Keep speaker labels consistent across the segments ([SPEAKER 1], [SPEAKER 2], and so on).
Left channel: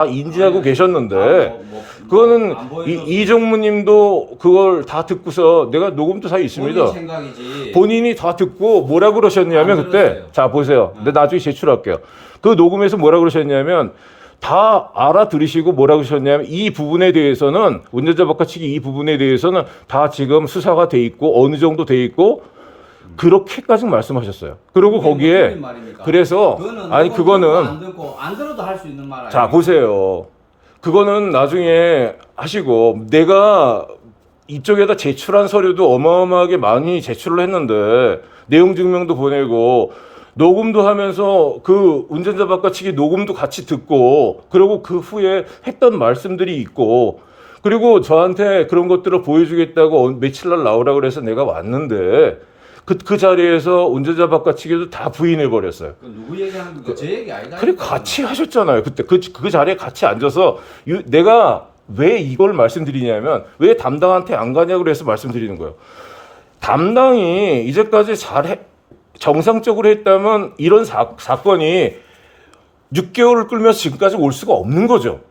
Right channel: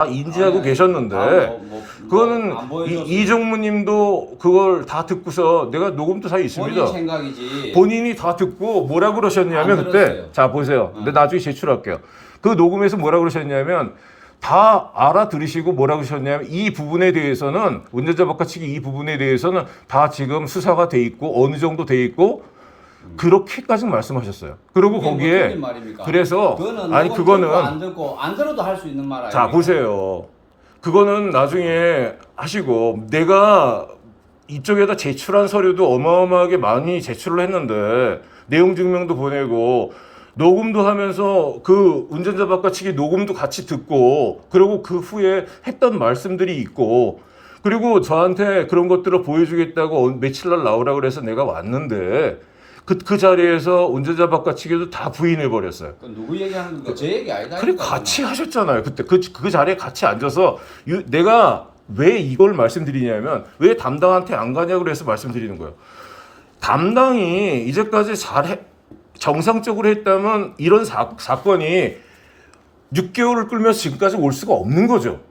[SPEAKER 1] 다 인지하고
[SPEAKER 2] 아니,
[SPEAKER 1] 계셨는데
[SPEAKER 2] 아, 뭐, 뭐,
[SPEAKER 1] 그거는
[SPEAKER 2] 뭐안 보여줬어요.
[SPEAKER 1] 이, 이종무님도 그걸 다 듣고서 내가 녹음도 다
[SPEAKER 2] 본인
[SPEAKER 1] 있습니다.
[SPEAKER 2] 생각이지.
[SPEAKER 1] 본인이 다 듣고 뭐라 그러셨냐면
[SPEAKER 2] 안
[SPEAKER 1] 그때
[SPEAKER 2] 들었어요.
[SPEAKER 1] 자 보세요.
[SPEAKER 2] 어.
[SPEAKER 1] 근데 나중에 제출할게요. 그 녹음에서 뭐라 그러셨냐면 다 알아들으시고 뭐라 그러셨냐면 이 부분에 대해서는 운전자 바깥치기 이 부분에 대해서는 다 지금 수사가 돼 있고 어느 정도 돼 있고 그렇게까지 말씀하셨어요. 그리고 거기에
[SPEAKER 2] 말입니까?
[SPEAKER 1] 그래서
[SPEAKER 2] 그거는
[SPEAKER 1] 아니 그거는
[SPEAKER 2] 안 듣고 안 들어도 할 수 있는 말 아니에요.
[SPEAKER 1] 자 보세요. 그거는 나중에 하시고 내가 이쪽에다 제출한 서류도 어마어마하게 많이 제출을 했는데 내용 증명도 보내고 녹음도 하면서 그 운전자 바깥치기 녹음도 같이 듣고 그리고 그 후에 했던 말씀들이 있고 그리고 저한테 그런 것들을 보여주겠다고 어- 며칠 날 나오라 그래서 내가 왔는데 그, 그 자리에서 운전자 바깥치기도 다 부인해 버렸어요.
[SPEAKER 2] 그 누구 얘기하는 겁니까? 제 얘기 아니다.
[SPEAKER 1] 그래 같이 하셨잖아요. 그때 그, 그 자리에 같이 앉아서 유- 내가 왜 이걸 말씀드리냐면 왜 담당한테 안 가냐고 그래서 말씀드리는 거예요. 담당이 이제까지 잘 해, 정상적으로 했다면 이런 사, 사건이 6개월을 끌면서 지금까지 올 수가 없는 거죠.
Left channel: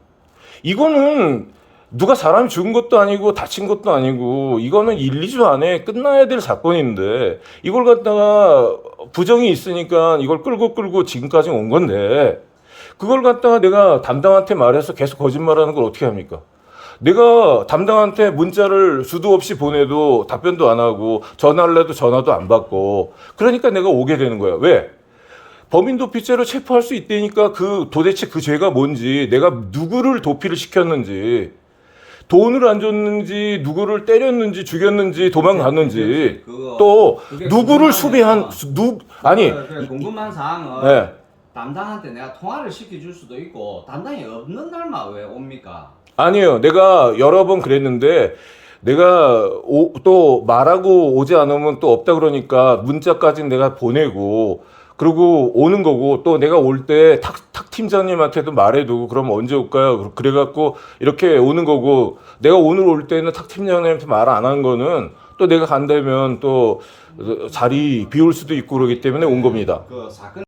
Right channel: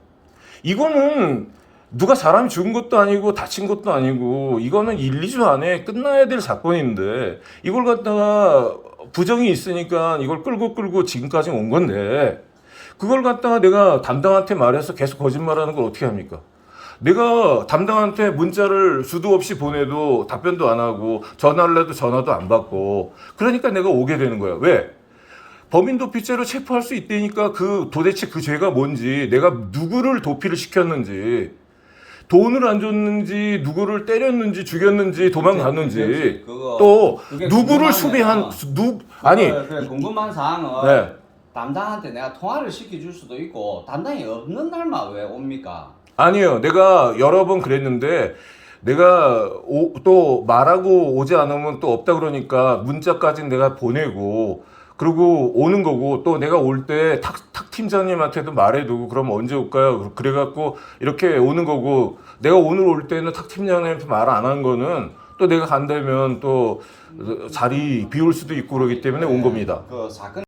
[SPEAKER 1] 이거는 누가 사람 죽은 것도 아니고 다친 것도 아니고 이거는 1, 2주 안에 끝나야 될 사건인데 이걸 갖다가 부정이 있으니까 이걸 끌고 끌고 지금까지 온 건데 그걸 갖다가 내가 담당한테 말해서 계속 거짓말하는 걸 어떻게 합니까? 내가 담당한테 문자를 수도 없이 보내도 답변도 안 하고 전화를 해도 전화도 안 받고 그러니까 내가 오게 되는 거야. 왜? 범인 도피죄로 체포할 수 있다니까 그 도대체 그 죄가 뭔지 내가 누구를 도피를 시켰는지 돈을 안 줬는지 누구를 때렸는지 죽였는지 도망갔는지
[SPEAKER 2] 그거-
[SPEAKER 1] 또
[SPEAKER 2] 그게
[SPEAKER 1] 누구를
[SPEAKER 2] 궁금하면
[SPEAKER 1] 수배한 수- 누 아니
[SPEAKER 2] 그래, 그래, 궁금한 사항은
[SPEAKER 1] 네.
[SPEAKER 2] 담당한테 내가 통화를 시켜줄 수도 있고 담당이 없는 날만 왜 옵니까?
[SPEAKER 1] 아니에요. 내가 여러 번 그랬는데 내가 오- 또 말하고 오지 않으면 또 없다 그러니까 문자까지 내가 보내고 그리고 오는 거고 또 내가 올 때탁탁 팀장님한테도 말해두고 그럼 언제 올까요? 그래갖고 이렇게 오는 거고 내가 오늘 올 때는 탁 팀장님한테 말 안 한 거는 또 내가 간다면 또 자리 비울 수도 있고 그러기 때문에 온 겁니다.
[SPEAKER 2] 그 사건